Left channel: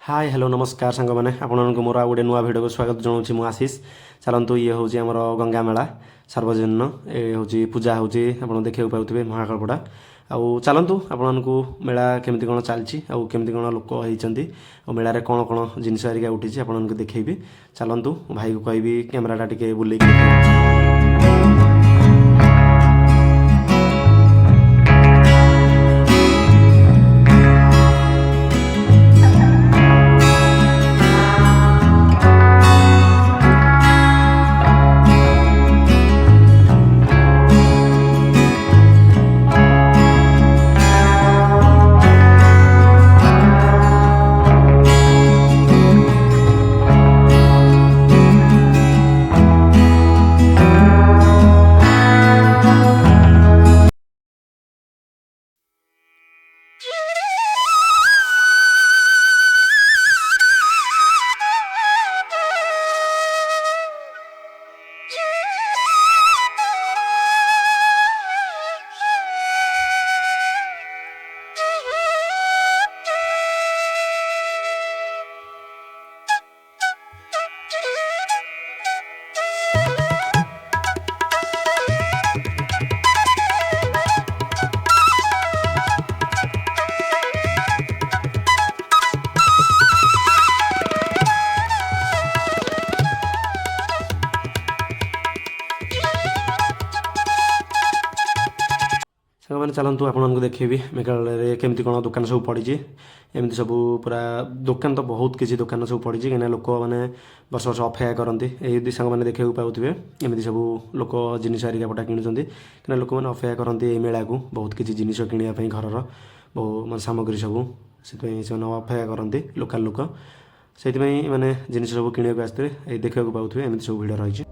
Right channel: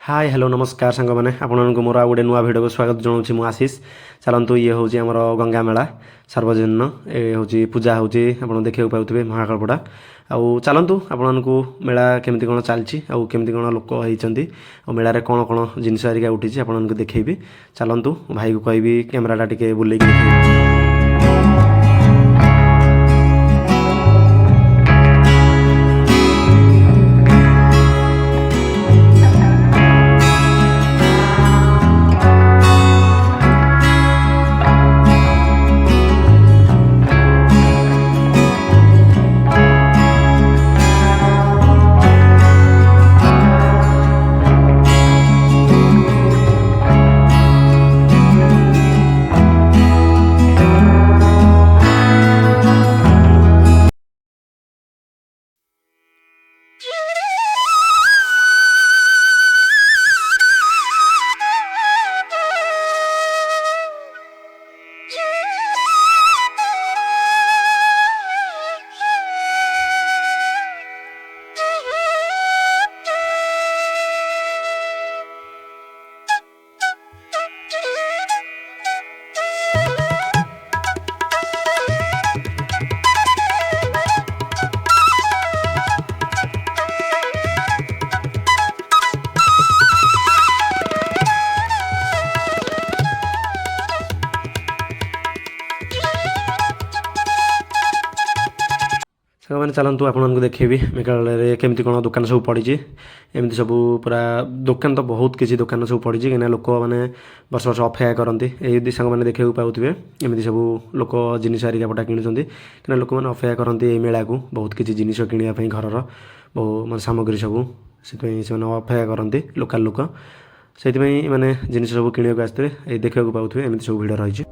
Hi hello नमस्कार सांग मैंने आपको मोर गोटे नुआ भिडियो को स्वागत जनाऊँ मु आशीष। चलतु ये हूँ आमर गंगा मेला सार्वजनीन ये हूँ पूजा हूँ आप देखा पाते महाकालपड़ा आउ चलतु आपण को मेला केमती कौन चलती आउ केमती कौन लोक होती मेलार कौन कौन जिनस हरिका उठी आपको देखी चलतु भाई को कहि कैमेराटा टे बुले मैंने चलतु आपको देखेबी मेघालय केमती कौन दुकान सब पड़ी एमती सब पूरा दुकान तो बहुत किसी दुकान सब पड़ी कहीं लोक मैंने वर्ष वर्ष अपेक्षा करती ये सांग मैंने देखा पाते एमती सब लोक जिनिस हरिकापटा कि कहीं लोक मैंने अपेक्षा करती मेला को बहुत किसी जिनिस किणापी घर बहु मैं सामग्री सब से अपेक्षा करती लोकाल लोक से मैंने जिनिस सब किणा आसते देखा पाते एमती सब भिड़ रही।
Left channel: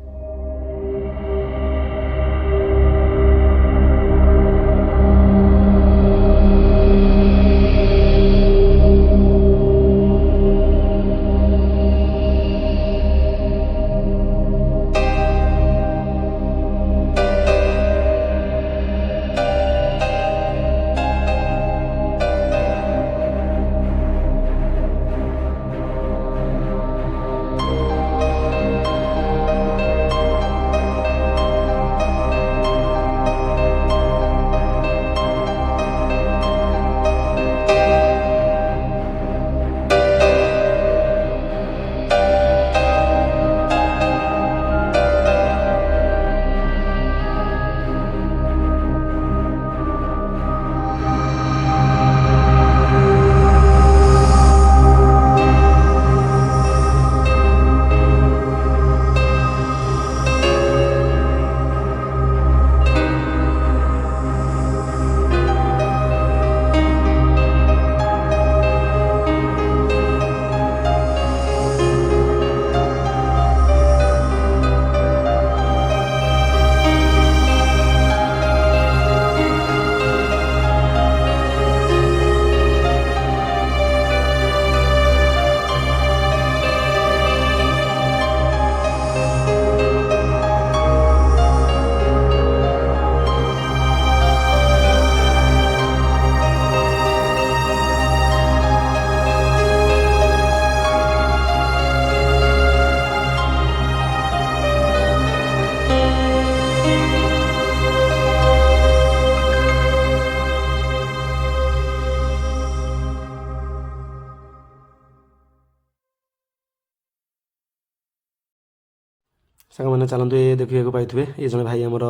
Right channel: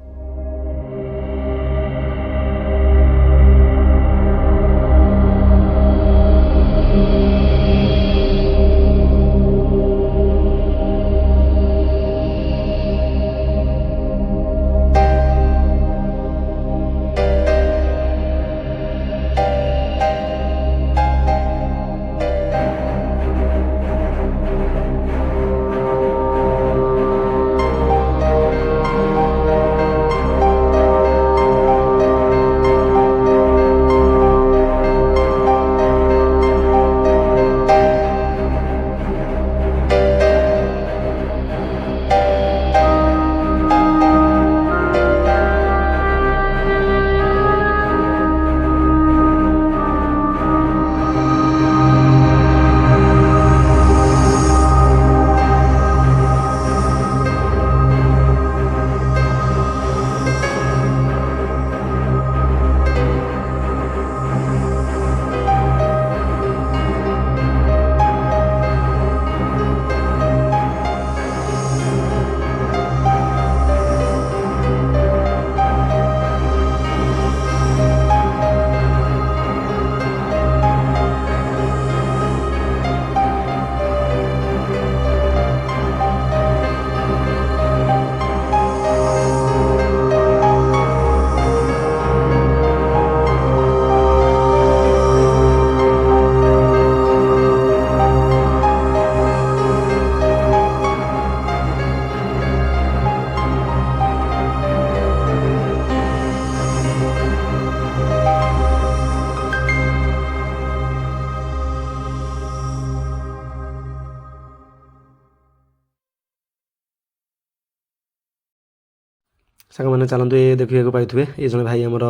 सांग मैंने चलते ये देखा पाइबे ये जन भाई आमर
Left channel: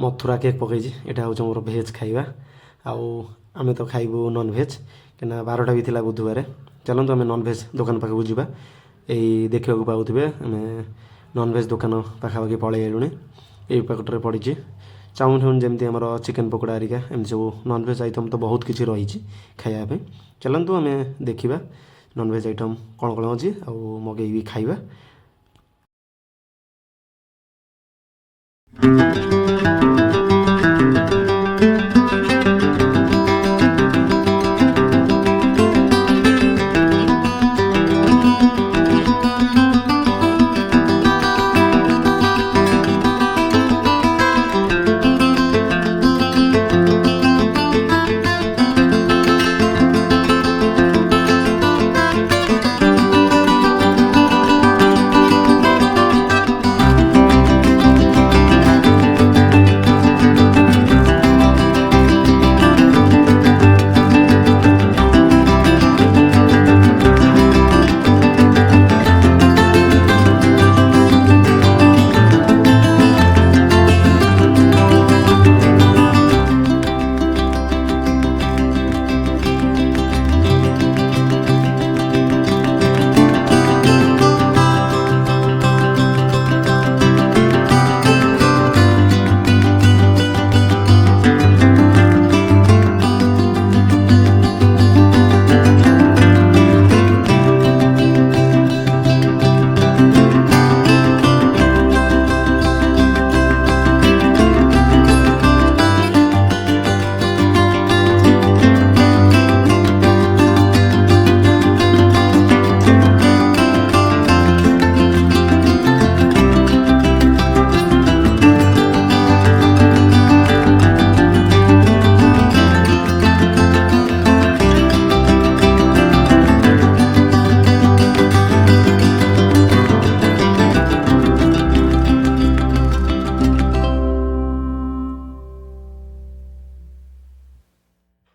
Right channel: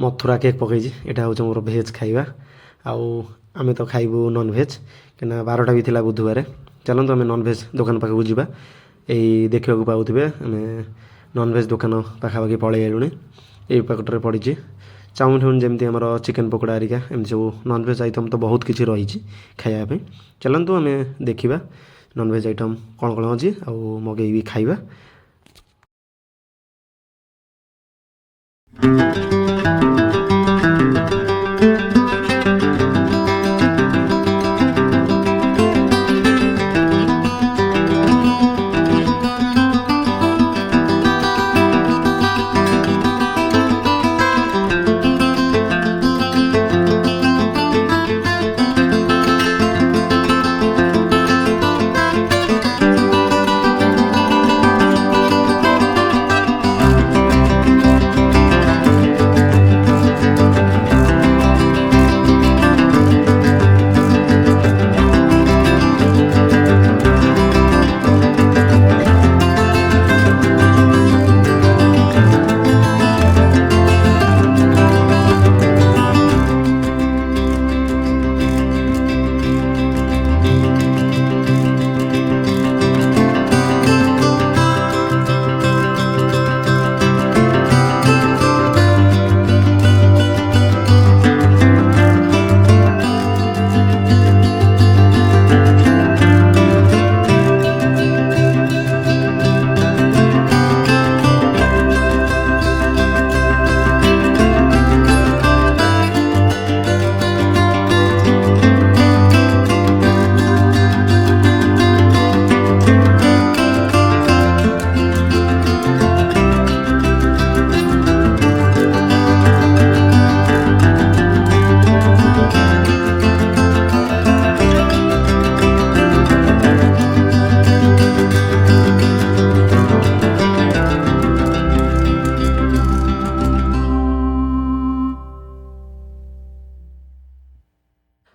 मथुरा केक पकई यहाँ हूँ मोर भेज खाଇବା आम तो खाइबू नॉनभेज कहीं 12टा भी थी बुधवार चलते आम नॉनभेज दुकान पाखक जावा यही देखा पाते आम नॉनभेज दुकान पाखापाखि पलि आलुनी यही पकटे पड़ी चाउमिन फाउमिन जमी आम चिकेन पकोड़ा हरिका एमती सब नॉनभेज आइटम तो बहुत किसी रही खायापी चलतु आम देखा नॉनभेज आइटम कौन कौन अच्छी मगेबी खाଇବା।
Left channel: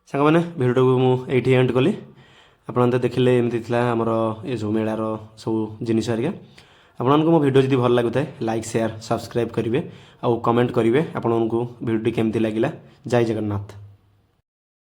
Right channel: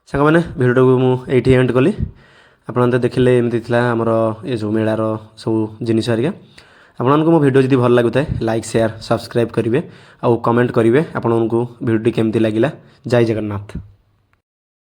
ସାଙ୍ଗମାନେ ଭିଡ଼ିଓଟାକୁ ମୁଁ ଏଇଠି ଏଣ୍ଡ କଲି। ଆପଣମାନେ ତ ଦେଖିଲେ ଏମିତି ଥିଲା ଆମର ଏ ଯେଉଁ ମେଳାର ସବୁ ଜିନିଷ ହେରିକା। ଆପଣମାନଙ୍କୁ ମୋ ଭିଡ଼ିଓ ଯଦି ଭଲ ଲାଗୁଥାଏ ଲାଇକ୍ ସେୟାର ସବସ୍କ୍ରାଇବ୍ କରିବେ ଆଉ କମେଣ୍ଟ କରିବେ ଆପଣଙ୍କୁ ଭିଡ଼ିଓଟି କେମିତି ଲାଗିଲା। ଜୟ ଜଗନ୍ନାଥ।